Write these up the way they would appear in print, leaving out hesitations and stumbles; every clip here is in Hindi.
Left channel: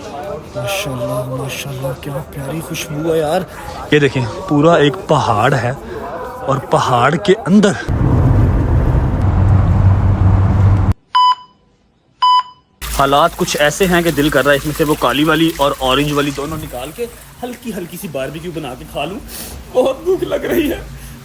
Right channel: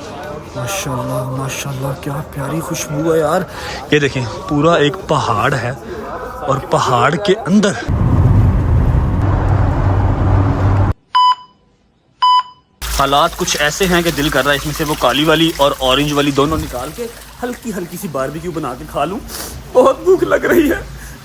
माशाल्लाह माशाल्लाह, क्या प्यारी खुशबू है यार। ये देखें, पूरा एक पहाड़ है और पहाड़ के अंदर हालात कुछ ऐसे हैं कि दिल कर रहा है इसमें से वो काली वाली और ऑरेंज वाली दोनों निकाल के हल्की हल्की सी बारबेक्यू बना के खा लूं। बहुत भूख लग रही है,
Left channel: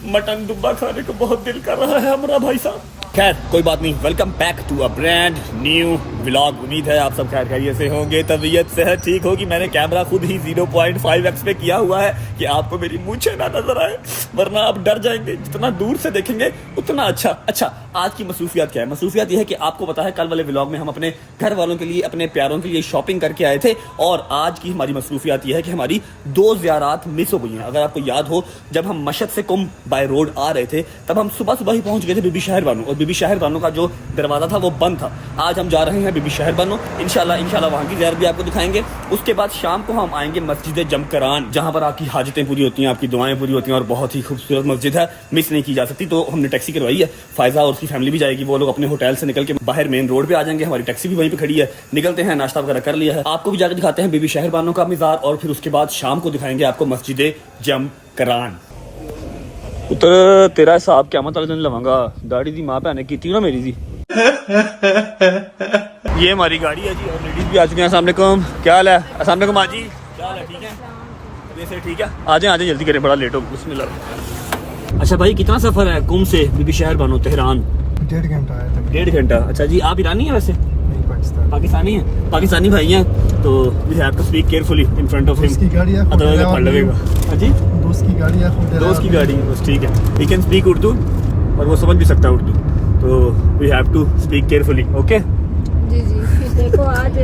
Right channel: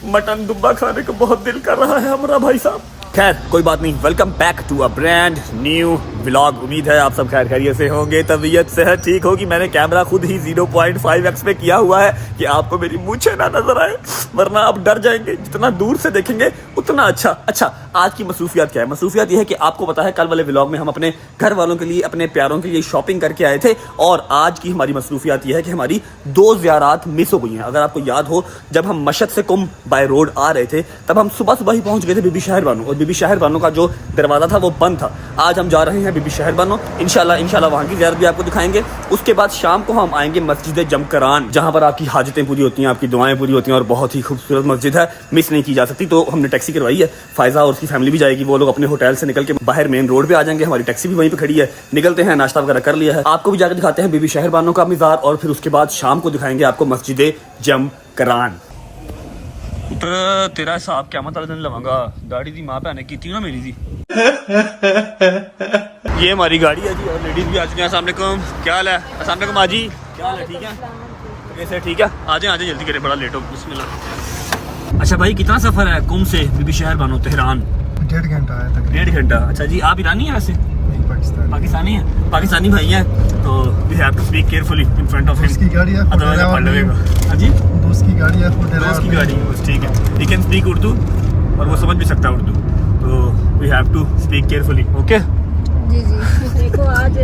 मटन दुब्बा खाने को बहुत दिल कर रहा है हमारा भाई साहब। खैर कोई बात नहीं, welcome back to a brand new vlog. उम्मीद है आप सब खैर खैरियत से होंगे, तबीयत सेहत ठीक होगी। मैंने कैमरा खुद ही 0.5x पे किया हुआ है कि आपको मेरी मूंछें ना नजर आए, वरना आप डर जाएंगे। जितना दूर से देखेंगे उतना अच्छा। आज की मसरूफियात क्या है? मसरूफियात यह है कि आपको पता है कल वाले व्लॉग में हम अपने घर वालों के लिए, अपने प्यारों के लिए शॉपिंग करके आए थे, और आज की हमारी मसरूफियात यह है कि हमारी 2 ज़ियारात मिस हो गई हैं। अगर आपको याद हो, जब हम मशहद से कुम बाय रोड आ रहे थे तब हम सुबह ही पहुंच गए थे बीबी शहर बानो, और बीबी शहर बानो का जो दरवाजा था वो बंद था। आज हम जा रहे हैं बीबी शहर बानो, इंशाल्लाह वहां की ज़ियारत भी आपको दिखाएंगे। उसके बाद शाम को हम आएंगे मस्जिद जमकरान, जहां पर आपकी हाजतें पूरी होती हैं, आपकी दुआएं पूरी होती हैं, और बहुत ही खूबसूरत मस्जिद है, मिस नहीं की जा सकती। तो हमने टैक्सी करवाई है, फायजा और उसकी फैमिली भी जाएगी। वो लोग अपने होटल से निकल के बाहर मेन रोड पे आ जाएंगे, हमारी टैक्सी भी वहीं पे खड़ी है। निकलते हैं, नाश्ता वगैरह कर लिया है, आपको भी जाकर दिखाते हैं बीबी शहर बानो का मज़ार, और फिर उसके बाद शाम को दिखाएंगे आपको मस्जिद जमकरान। पुत्र तेरा हिसाब क्या मतलब दिन लवांगा, गाड़ी दी मां भैन की ना मेरी दी। ये हमारी गाड़ी है जी, और लेडीज भी आ चुकी हैं। अस्सलाम वालेकुम, क्या हाल है? अस्सलाम वालेकुम आजी, क्या हाल है? ठीक है, जैसे ठीक है, आ जाए जल्दी करें, बड़ा लेट हो। बिस्मिल्लाह। अच्छा भाई, कितना सफर है कुम से बीबी शहर बानो तेहरान? 1.5 घंटा है तक। 1.5 घंटा। अच्छा जी, आप ईरानी है वैसे? पाकिस्तानी है, पाकिस्तानी भाई है, तो we have to speak carefully in front of him, उसकी गाड़ी है, अदरवाइज आप पढ़ लेगा। हां जी, दोस्त की गाड़ी है, दोस्त की गाड़ी है, बस ठीक है। ही कैन स्पीक उर्दू और वो समझ भी सकता है उर्दू, तो we have to speak carefully. Okay जी देखो आज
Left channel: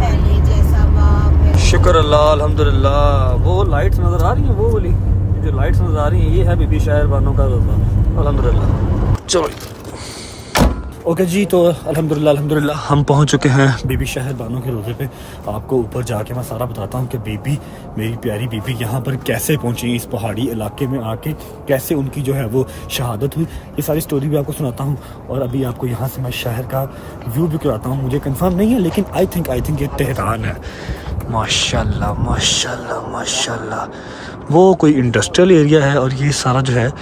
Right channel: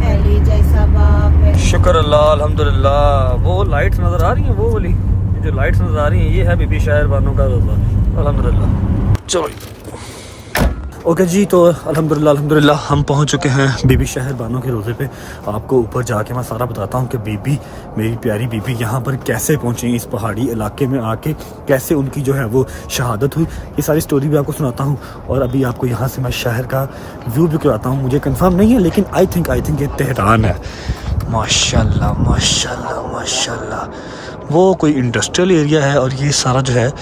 पहले जैसा बाप। शुक्र अल्लाह, अल्हम्दुलिल्लाह। वो लाइट्स नजर आ रही हैं, वो वाली जो लाइट्स नजर आ रही हैं, ये है बीबी शहर बानो का रोज़ा, अल्हम्दुलिल्लाह। चलो ओके जी, तो अल्हम्दुलिल्लाह हम पहुंच चुके हैं बीबी शहर बानो के रोज़े पे। आपको ऊपर जाके मैं सारा बताता हूँ कि बीबी, मेरी प्यारी बीबी यहाँ पर कैसे पहुंची, इस पहाड़ी इलाके में आके कैसे उनकी जो है वो शहादत हुई। ये सारी स्टोरी भी आपको सुनाता हूँ, और अभी आपको यहाँ से मैं शहर का व्यू भी कराता हूँ। मुझे कंफर्म नहीं है, लेकिन आई थिंक ये तेहरान है। माशाल्लाह माशाल्लाह माशाल्लाह, वो कोई इंडस्ट्रियल एरिया है, और ये सारा जो है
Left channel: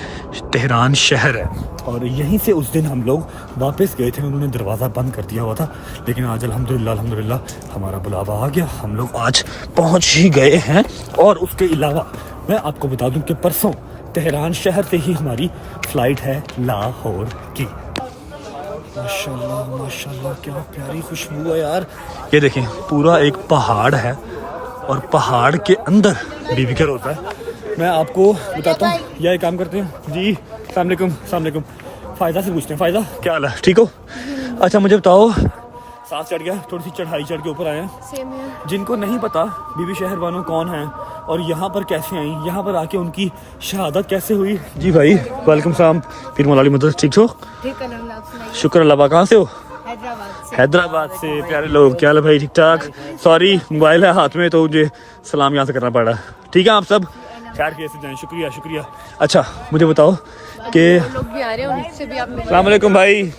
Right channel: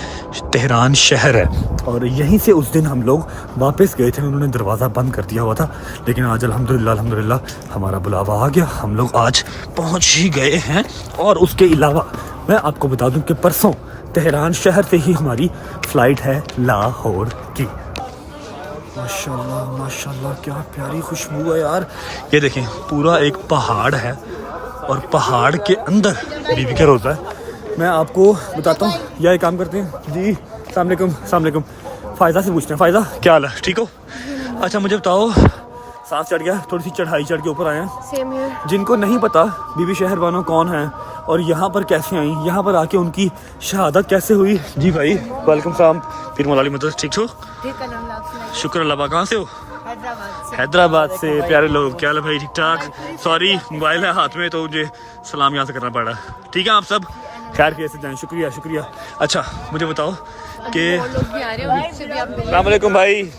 तेहरान शहर है। और यहीं से उस दिन हम लोग वापस गए थे, उन्होंने दरवाज़ा बंद कर दिया हुआ था, लेकिन आज अल्हम्दुलिल्लाह हमारा बुलावा आ गया, हम लोग आज पहुंच ही गए हैं। और उसके अलावा मैं आपको बता दूं कि परसों तेहरान शहर से ही हमारी फ़्लाइट है लाहौर की। माशाल्लाह माशाल्लाह, क्या प्यारी खुशबू है यार। ये देखें, पूरा एक पहाड़ है, और पहाड़ के अंदर बीबी का रोज़ा है। मैं आपको बताता हूँ, यह काम करते हैं जी। अस्सलाम वालेकुम। फ़ायदा से पूछते हैं, फ़ायदा क्या हाल है, ठीक हो? अच्छा मुझे बताओ, सांस चढ़ गया, थोड़ी सी चढ़ाई चढ़ के ऊपर आए हैं। जिनको नहीं पता बीबी शहर बानो कौन है और यहाँ पर कैसे आई, यहाँ पर आके उनकी शहादत कैसे हुई। जी भाई वालेकुम सलाम, फिर मौलाली मदद, ठीक हो? शुक्र अल्लाह। कहाँ से हो? हैदराबाद से। प्यारे लोग, क्या हाल है भाई? ठीक ठाक। सॉरी मोबाइल है हाथ में, तो मुझे सलाम यहाँ से करना पड़ा। ठीक है, आप सब खैर कैसे जाएं? शुक्रिया। अच्छा मुझे बताओ कि अस्सलाम वालेकुम भाई,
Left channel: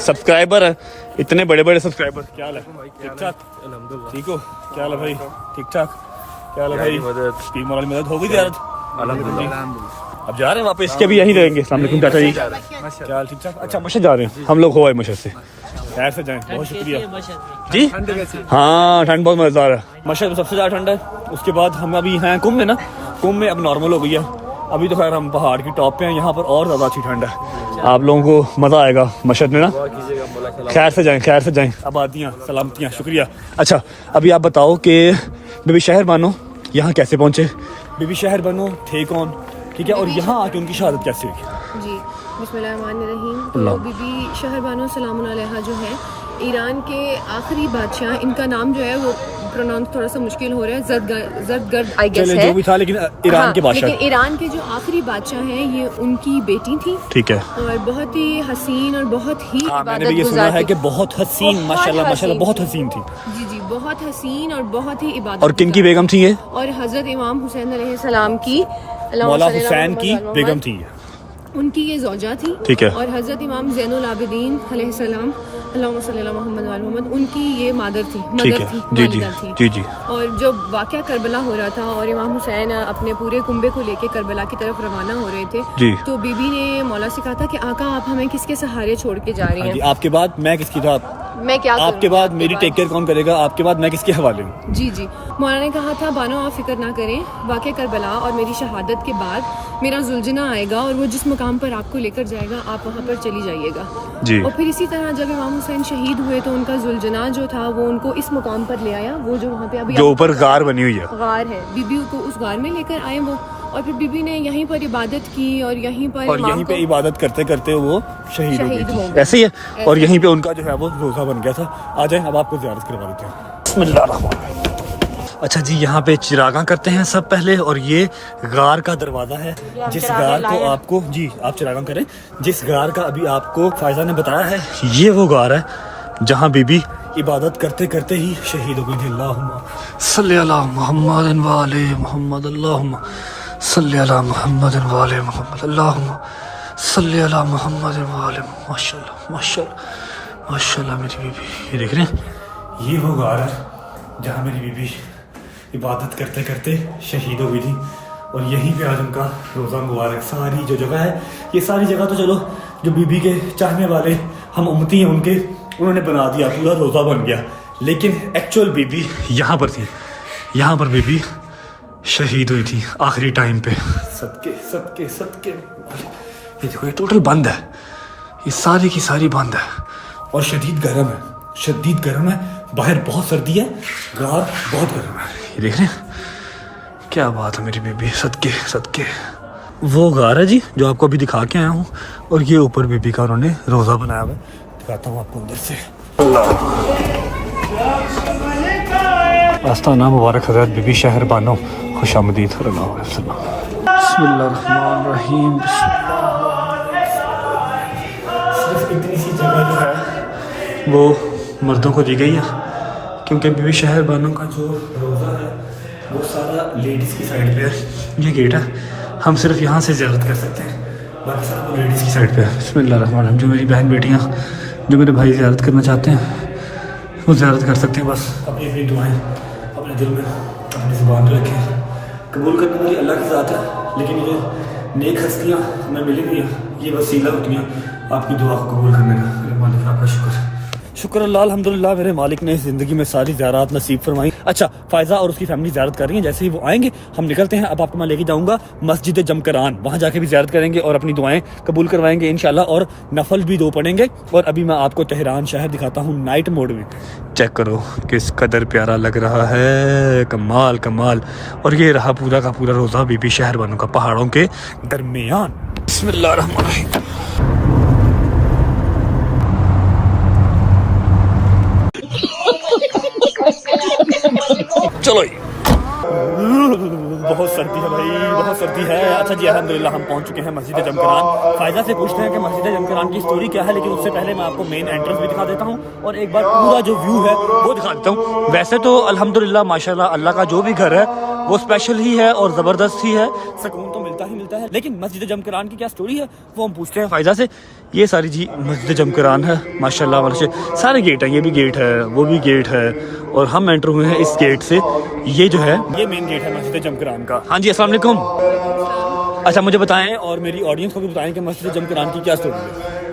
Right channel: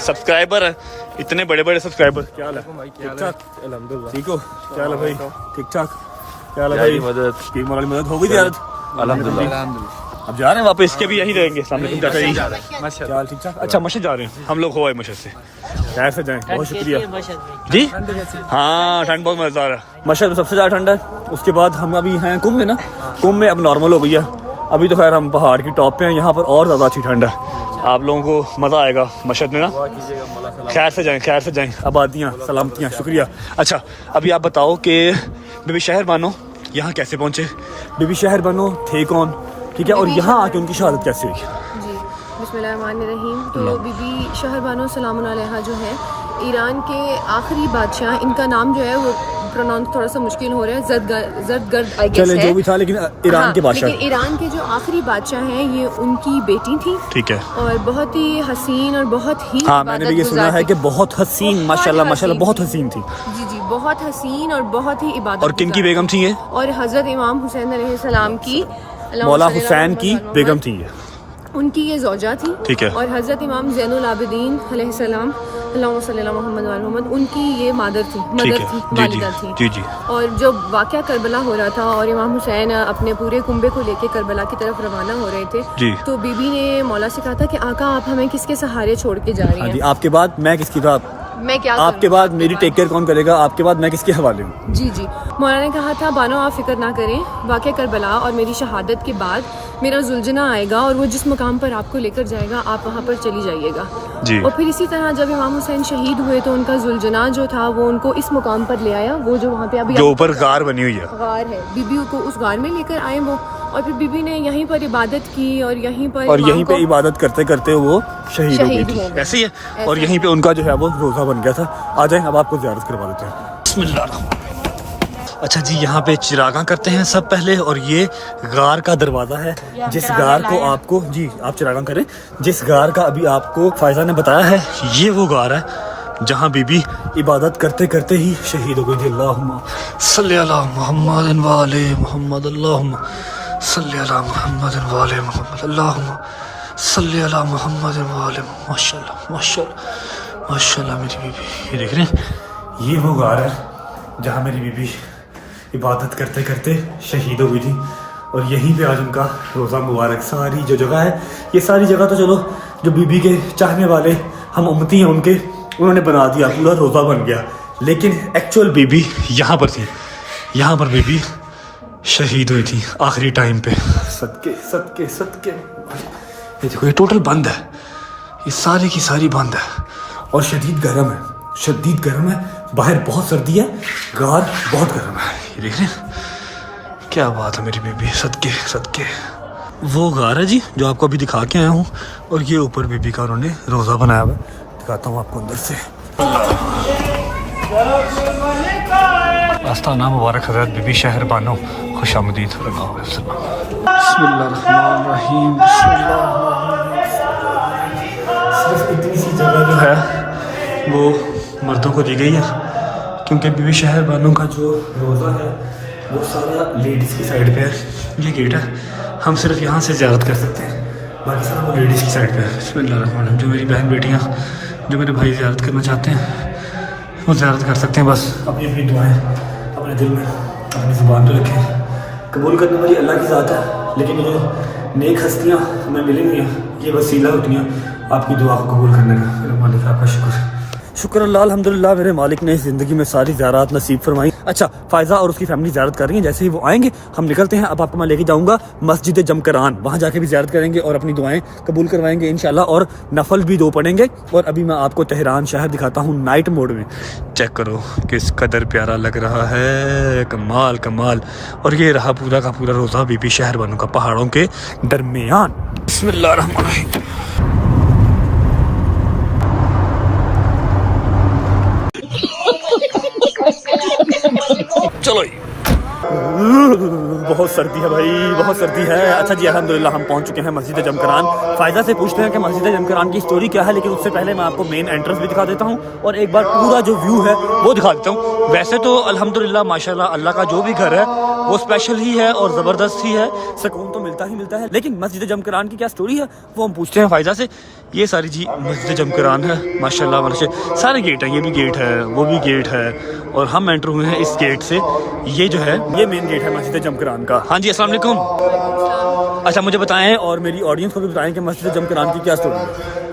सब्सक्राइबर है, इतने बड़े सब्सक्राइबर, क्या हाल है? ठीक ठाक, अल्हम्दुलिल्लाह। ठीक हो? क्या हाल है भाई? ठीक ठाक। क्या हाल है भाई? मदद हो गई ज़ियारत? अल्हम्दुलिल्लाह। अब जा रहे हैं वापस के, भी यहीं रहेंगे? क्या हाल? ठीक ठाक। अच्छा मशहद जा रहे हैं हम लोग, हो आए मशहद से, खैर से जाएं। बहुत शुक्रिया जी। हाँ ठंड बहुत मजेदार है, मशहद में सबसे ज़्यादा ठंड है। उसके बाद हम अभी हैं कुम में ना, कुम में अब नॉर्मल हो गई है। अभी तो खैर हम पहाड़ की टॉप पे हैं, यहाँ पर और ज़्यादा अच्छी ठंड है। आप लोगों को मज़ा आएगा मशहद में ना। खैर से जाएं। आबादियाँ सलामतियाँ, शुक्रिया। अच्छा अभी आप बताओ कि बीबी शहर बानो यहाँ कैसे पहुँचे? बीबी शहर बानो थे कौन, ठीक है, और यहाँ आके उनकी शहादत कैसे हुई? जी बिस्मिल्लाहिर्रहमानिर्रहीम। तो बीबी शहर बानो सलामुन अलैहा जो है ईरान के आखिरी बादशाह, इनका नाम जो है वो प्रोनाउंस थोड़ा सा मुश्किल हो रहा है, जरदगर्द आई गेस है, जो भी था, लेकिन ईरान के बादशाह, ईरान के जो आखिरी बादशाह हैं, ये उनकी बेटी थी, ठीक है, और बहुत ही हसीन और बहुत ही, हाँ मैंने भी ये सुना है कि बहुत हसीन, माशाल्लाह बहुत हसीन थी। जी बहुत हसीन और बहुत ही इबादत। और किन की बेगम थी ये? और हजरत इमाम हुसैन अलैहिस्सलाम की, मौला हुसैन की बेगम थी, उनकी ये ज़ौजा थी, ठीक है। और हजरत इमाम ज़ैनुल आबिदीन अलैहिस्सलाम अल्लाहुम्मा सल्ली अला मुहम्मद व अला मुहम्मद, उनकी ये मादर थी, ठीक मदर है, थी, जी जी वालिदा थी। जी जी। और जब वाक़या करबला हो रहा था और इमाम हुसैन अपने पूरे कुंबे को लेके करबला की तरफ रवाना हो रहे थे, जी। तो बीबी ने मौला से कहा था कि आका आप हमें किसके सहारे छोड़ के जा रही हाँ जी, हैं? आपके बाद मैं किसकी था? मैं क्या आपके करूं? बाद मेरी टेक केयर कौन करेगा? आपके बाद मैं किसके हवाले हूँ? जी जी। मौला ने कहा था बानो आप फिक्र ना करें, वाक़या करबला और मेरी शहादत के बाद मेरा जुलझना आएगा और वो जिस मुकाम पर आपको लेकर जाएगा आप वहाँ पर चली जाइएगा। जी। और फिर इसी तरह जब इमाम हुसैन शहीद हुए तो उनका जुलझना जो था वो उनको इस मुकाम पर ले आया, वो जो वहाँ पे अभी जो ऊपर गार बनी हुई है, गार है, बीबी को उस गार में लेकर आए वो, और फिर बीबी ने यहीं पर इबादत की और यहीं पर यहीं पे इबादत करते करते वो शहीद हो गई थी। ऐसे ही है। और यहीं पे उनका जो है वो रोज़ा बन गया था। आ जाए अब आपको ज़ियारत करवा देते हैं। बिस्मिल्लाह। अच्छा जी, यहाँ पे चिरागा करते हैं सब पहले, और ये गार का दरवाज़ा है जिस गार को आपको, जी आप चिरागा करें, जिस गार का अभी आपको फायजा ने बताया है, ये वो गार है जहाँ बीबी इबादत करते करते ही शहीद हो गई थी। अल्लाहुम्मा सल्ली अला मुहम्मद व आले मुहम्मद, अल्लाहुम्मा सल्ली अला मुहम्मद व आले मुहम्मद, अल्लाहुम्मा सल्ली अला मुहम्मद व आले। माशाल्लाह माशाल्लाह माशाल्लाह मेरी बीबी, ये देख रहे हैं, ये वो गार है जहाँ मेरी बीबी इबादत करते करते शहीद हो गई थी। और यहीं पे आज उनका रोज़ा मुबारक, सारी जो जगह है, ये सारी जगह तो चलो जो बीबी के चाहने वाले हम उम्मती हैं उनके, उन्होंने बना दिया, पूरा रोज़ा बन गया, लेकिन एक्चुअल बीबी यहाँ पर थी, यहाँ पर बीबी शहीद हुई थी आखिरी टाइम पे। सदके सदके सदके। ये देखो, ये टोटल बंद है, ये सारी की सारी बंद है और शदीद गर्म है, शदीद गर्म है, बाहर बहुत सर्दी है, गार बहुत गर्म है। ये देख रहे हैं, क्या बात है मेरी बीबी, सदके सदके। वो गार है जी जो आपको अभी दिखा के आया हूँ, और ये ऊपर बीबी का उन्होंने रोज़ा बनाया हुआ, दिखाता हूँ आपको अंदर से। आस्ताना मुबारक हज़रत बीबी शहर बानो, खुशामदीद। बिस्मिल्लाहिर्रहमानिर्रहीम। सिर्फ इतनी सी जगह जो है वो मर्दों को दी गई है, क्योंकि बीबी शहर बानो का जो रोज़ा है वो सारा लेडीज़ की साइड पे है। ये गेट है, हम सिर्फ यहाँ से ज़ियारत कर सकते हैं, बाकी सारा वो लेडीज़ की साइड पे है। बिस्मिल्लाहिर्रहमानिर्रहीम। जो मेरी बहन बेटियाँ, जो मेरे भाई ज़ियारत करना चाहते हैं वो ज़ियारत कर सकते हैं, बस अपनी अपनी दुआएं अपने दिल में अपनी ज़ुबान पर रखें। कबूल करने वाली अल्लाह की ज़ात है, लेकिन ये नेक हस्तियाँ हमें मिलेंगी, ये वसीला होती हैं आपकी दुआ को कबूल करने का। मेरे मालिक आपका शुक्र, शुक्र अल्लाह, अल्हम्दुलिल्लाह मेरे मालिक ने ज़िंदगी में सारी ज़ियारत नसीब फरमाई। अच्छा, फ़ायज़ा और उसकी फैमिली ज़ियारत कर रही हैं, जैसे ही वो आएंगे हम निकलते हैं। अब आपको मैं लेके जाऊंगा मस्जिद जमकरान, वहाँ जाके भी ज़ियारत करेंगे और अपनी दुआएं कबूल करवाएंगे इंशाल्लाह, और नफल भी 2 पढ़ेंगे। और अभी मैं आपको तेहरान शहर दिखाता हूँ नाइट मोड में। चेक करो किस कदर प्यारा लग रहा है, कमाल कमाल। और ये रहा पूरा का पूरा रोज़ा बीबी शहर बानो का, पहाड़ों के दरमियान। बिस्मिल्लाहिर्रहमानिर्रहीम। चलो, बहुत सर्दी है भाई, बहुत सर्दी है। अच्छा जी, अल्हम्दुलिल्लाह हम पहुंच चुके हैं मस्जिद जमकरान। फायदा से पूछते हैं कि मस्जिद जमकरान की स्टोरी क्या है, लेकिन उससे पहले मैं आपको मेन एंट्रेंस भी दिखा देता हूं और एक बार पूरा जो व्यू है वो दिखा देता हूं। वैसे तो अल्हम्दुलिल्लाह माशाल्लाह अल्लाह का जो भी घर है वो स्पेशल ही है और ज़बरदस्त ही है, सुकून तो मिलता ही मिलता है। लेकिन मस्जिद जमकरान की क्या स्टोरी है वो हम पूछते हैं फायदा से। ये सारी जी मस्जिद जमकरान है माशाल्लाह, माशाल्लाह सारे गेट हैं, ये भी गेट है, वो भी गेट है, और हम एंटर हुए हैं इस गेट से। ये जो है ये मेन गेट है मस्जिद जमकरान का। हाँ जी, अस्सलाम वालेकुम। अच्छा, मुझे बताएं और मेरी ऑडियंस को भी बताएं कि मस्जिद जमकरान की क्या स्टोरी है।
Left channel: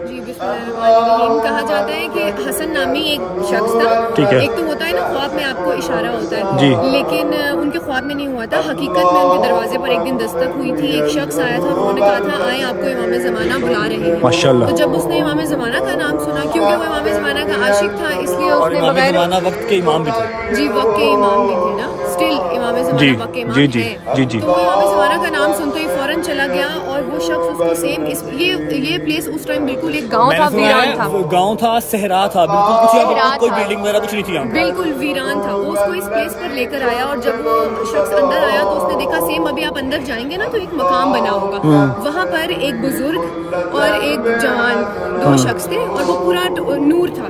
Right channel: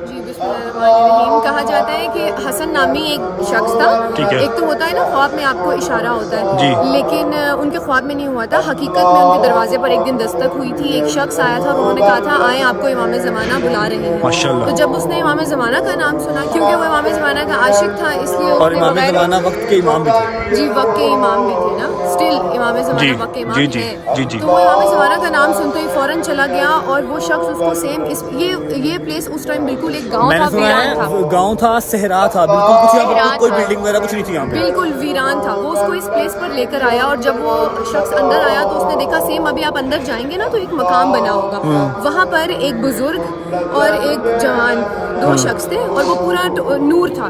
कहा जाता है कि हसन नामी एक शख्स था, ठीक है। एक तो होता है ना ख्वाब में आपको इशारा होता है जी, लेकिन उनके ख्वाब में नहीं हुआ था, हकीकत में उनके दरवाजे पर एक दिन दस्तक हुई थी। एक शख्स आया था, उन्होंने कहा था आए आपको इमाम ज़माना बुला रहे हैं। माशाल्लाह। तो जब उसने इमाम ज़माना का नाम सुना, क्योंकि वो इमाम ज़माना का आशिक था, इसलिए और इमाम ज़माना वक्त के इमाम भी थे। जी, वक्त के इमाम भी थे ना, स्टिल इमाम ज़माना वक्त के इमाम जी जी हैं। जी। तो वो इमाम ज़माना का नाम सुनते ही फौरन चला गया, और वो शख्स उसको सेम ये प्लेस उस टाइम बिल्कुल एक गाँव, मैंने सुना है गाँव था, सहरा था, बिल्कुल कुछ यहाँ पर कोई बिल्डिंग वगैरह कुछ नहीं थी यहाँ पे, बिल्कुल वीरान था। वो उसको इस प्लेस पर लेकर आया, और जब वो शख्स अंदर आया तो उसने देखा सेम अभी आप अंदर जाएंगे ना तो एक मकाम बना होगा, वहाँ पर एक बुजुर्ग और एक जवान 2 शख्स थे और वो पूरा नूर था।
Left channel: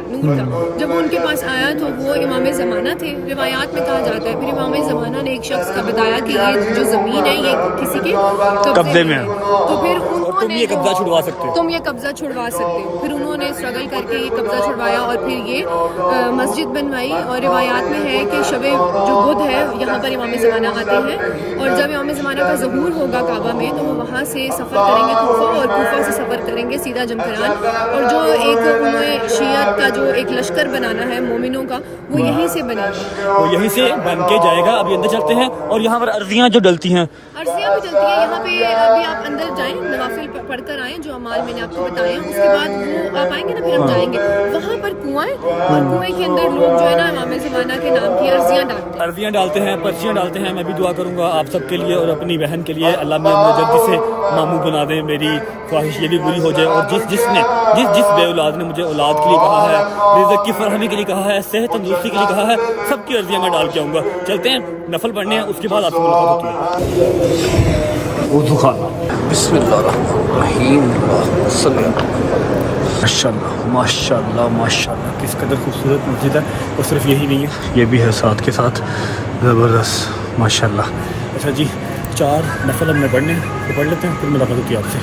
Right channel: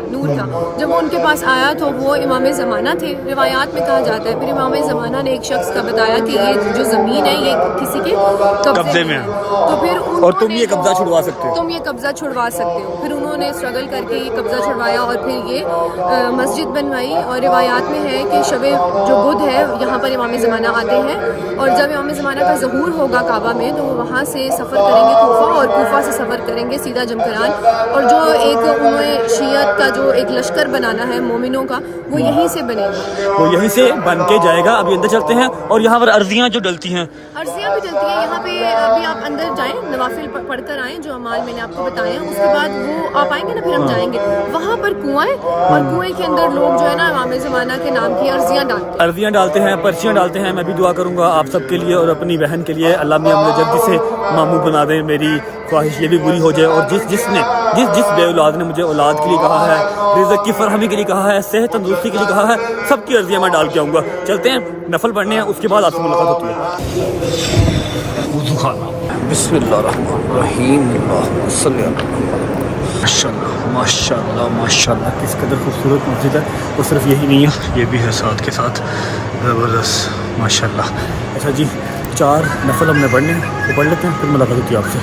जब वो उनके पास आया तो वो इमाम ज़माना थे, रिवायात में कहा जाता है। फिर इमाम ज़माना ने एक शख्स का बताया कि ये जो ज़मीन है ये किसी के कब्जे में है, तो फिर और तुम ये कब्जा छुड़वा सकते हो, तुम ये कब्जा छुड़वा सकते हो। फिर उन्होंने स्ट्रगल करके ये कब्जा छुड़वाया और फिर ये मस्जिद बनवाई। और रिवायात में है कि शब जो बुध है यहाँ पर इमाम ज़माना आते हैं और जब इमाम ज़माना का ज़हूर होगा काबा में तो वो वहाँ से सफ़र करेंगे कूफा और कूफा से सफ़र करेंगे सीधा जमकरान। और जो एक उन्हें शियत का जो एक लश्कर बनाना है मोमिनों का वो यहीं से बनेगा, वो यहीं से बन के जाएगा। अभी अंदर चलते हैं और यहाँ पर अर्जियाँ जो डलती हैं, अर्जियाँ भी चलती हैं यहाँ पे। अभी आप अंदर जाएं, नवाफिल पढ़कर आएँ जो अमाल मैंने आपको बताए हैं, उसके बाद वो आप आएंगे ना फिर हम जाएंगे वहाँ पर कुआं है और कुएं के अंदर लोग जो है ना इमाम ज़माना के नाम की अर्जियाँ डालते हैं, पर्चियाँ डालते हैं। मैं भी दुआ करूँगा आप सबके लिए और अपनी बहन के लिए, अल्लाह मियां मुझे जल्दी से मामू बना दे, मेरी ख्वाहिश ये भी पूरी हो जाए। और जिस बे औलाद ने मुझे औलाद के लिए कहा है, रिज़्क़ की फरहमी के लिए कहा है, सेहत तंदुरुस्ती के लिए कहा है, सबकी अर्जियाँ मैं डाल के आऊँगा। चलते हैं नफल पढ़ने हैं, उसके बाद आपसे मुलाकात होती है। वुज़ू खाना, बिस्मिल्लाहिर्रहमानिर्रहीम, अल्लाहुम्मा सल्लि अला मुहम्मद। माशाल्लाह माशाल्लाह माशाल्लाह, किस कदर खूबसूरत मस्जिद है। और सिर्फ यही नहीं है, ये भी है साथ के साथ, ज़बरदस्त माशाल्लाह। अच्छा जी, 4 नफल हमने पढ़ने हैं, तो पढ़ लेते हैं, फिर मुलाकात होती है आपसे।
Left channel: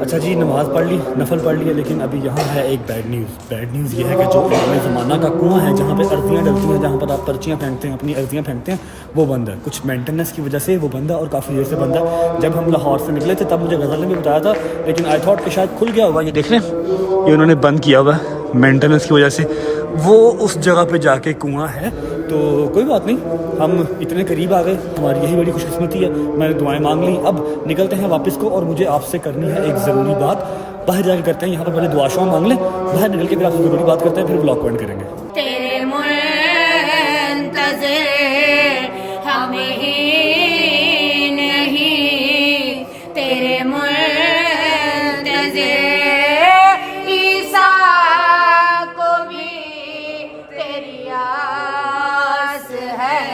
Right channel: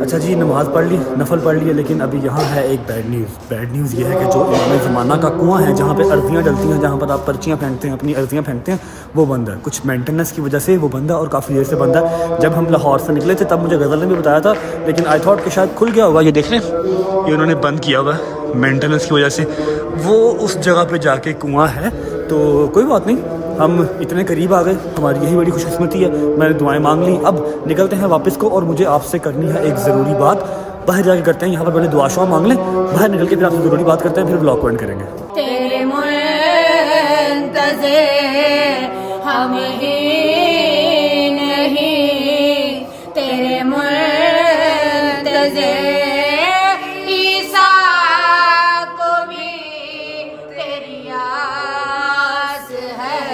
अच्छा जी, नमाज़ पढ़ ली, नफल पढ़ लिया, लेकिन अभी यहाँ है एक बैड न्यूज़ ये है कि जो इमाम ज़माना का कुआं है जहाँ पे अर्जियाँ डलती हैं, जहाँ पर आप पर्चियाँ फेंकते हैं, अपनी अर्जियाँ फेंकते हैं, वो बंद है। कुछ मेंटेनेंस की वजह से वो बंद है और काफ़ी देर से बंद है। जब हम लाहौर से निकले थे तब मुझे गज़ल ने भी बताया था, लेकिन आई थॉट कि शायद खुल गया होगा। ये देख लें, ये उन्होंने बंद किया हुआ है मेंटेनेंस की वजह से। वो उस जगह पर जाके कुआँ है, तो कोई बात नहीं, हम इतने करीब आ गए, हमारी यही बड़ी खुशकिस्मती है। मैंने दुआएं मांग ली, अब निकलते हैं वापस को। और मुझे आपसे करनी है एक ज़रूरी बात, बाहर जाके करते हैं। यहाँ पर पहले दुआ शुआ मांग लें, बाहर निकल के फिर आपसे ज़रूरी बात करते हैं, फिर ब्लॉग एंड करेंगे। तेरे मुंतज़िर हमें नहीं, तेरे मुंतज़िर ईसा को भी तेरी आस है।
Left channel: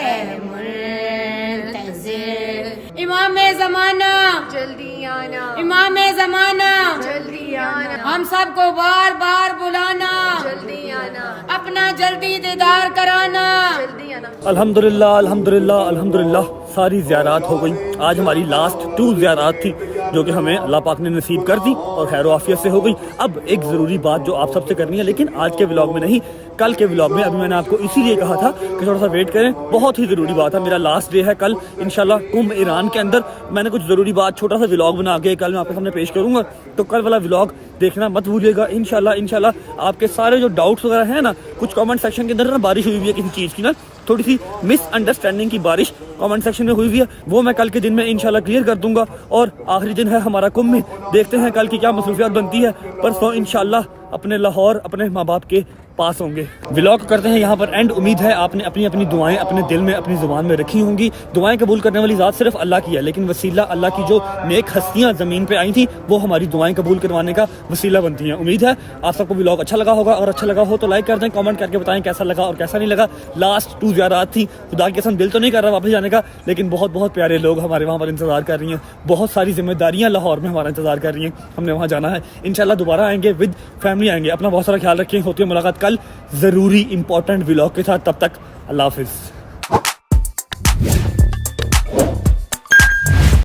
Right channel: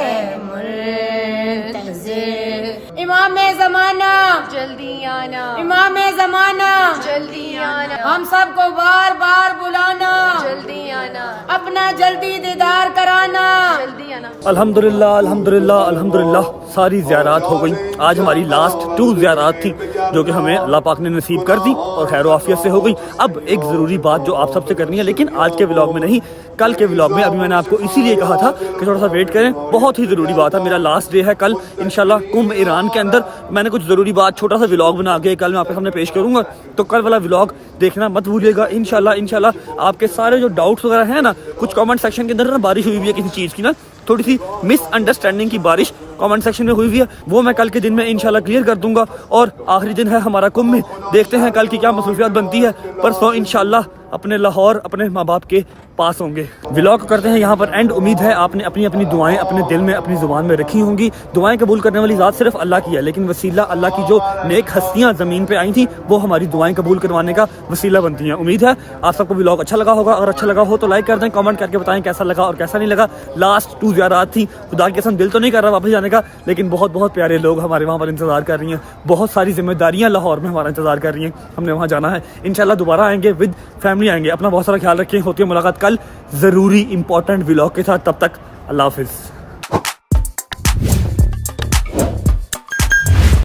ए मुंतज़िर इमाम ज़माना जल्दी आना, इमाम ज़माना जल्दी आना, हम सबको बार बार बुलाना, जल्दी आना, अपना जल्दी दीदार कराना। जल्दी आना। अल्हम्दुलिल्लाह अल्हम्दुलिल्लाह अल्हम्दुलिल्लाह, सारी ज़ियारात हो गई। आज हमारी लास्ट 2 ज़ियारात थी जो कि हमें अल्लाह पाक ने नसीब कर दी और खैर आफियत से हो गई। अब एक ज़रूरी बात जो आप सबसे करनी है, लेकिन आज के व्लॉग में नहीं, कल के व्लॉग में। अभी मैंने आपको इसीलिए कहा था कि थोड़ा सा वेट करें, बहुत ही ज़रूरी बात है। मेरा लास्ट डे है कल इंशाल्लाह कुंभ ईरान के अंदर। मैंने कुछ ज़रूरी बात, छोटा सा व्लॉग बना के कल मैं आपके सामने पेश करूँगा, तो कल वाला व्लॉग देखना मत भूलिएगा। इंशाल्लाह आपके सारे जो डाउट्स वगैरह हैं ना, कुछ कमेंट सेक्शन के अंदर ना बारिश हुई हुई है किसी चीज़ की, ना थोड़ी सी मिसअंडरस्टैंडिंग की बारिश कमेंट सेक्शन में हुई हुई है, वो मैं कल के दिन में इंशाल्लाह क्लियर कर दूंगा। और आखिरी दिन है हमारा कुंभ में, देखते हैं कल की क्या मसरूफियात बनती है। परसों इंशाल्लाह अपने लाहौर अपने माँ बाप के पास होंगे। व्लॉग करते हैं यहाँ पर एंड। उम्मीद है आपने अपनी अपनी दुआएं अपने दिल में अपनी जुबान में रखी होंगी। दुआएं कबूल करने वाली ज़ात सिर्फ अल्लाह की है, लेकिन वसीला अल्लाह की जो नेक हस्तियाँ ज़मीन पे आई थी वो हमारी दुआएं कबूल करवाने का वसीला बनती हैं। उम्मीद है आप सबको व्लॉग अच्छा लगा होगा। अगर अच्छा लगा हो तो लाइक कर दें, कमेंट करके बताएं कैसा लगा और कैसा नहीं लगा। लास्ट 2 ज़ियारात थी, खुदा की कसम दिल तो नहीं कर रहा वापस जाने का, लेकिन बहुत बहुत प्यारे लोग हमारे वहाँ पर इंतजार कर रही हैं। बहुत सारी जिम्मेदारियाँ लाहौर में हमारा इंतजार कर रही हैं, हमने वहाँ जाना है। इंशाल्लाह दोबारा आएंगे, विद फैमिली आएंगे। अपना बहुत सारा ख्याल रखें, होती है मुलाकात कल ज़रूरी इंपॉर्टेंट व्लॉग के साथ। तब तक अल्लाह हाफिज़।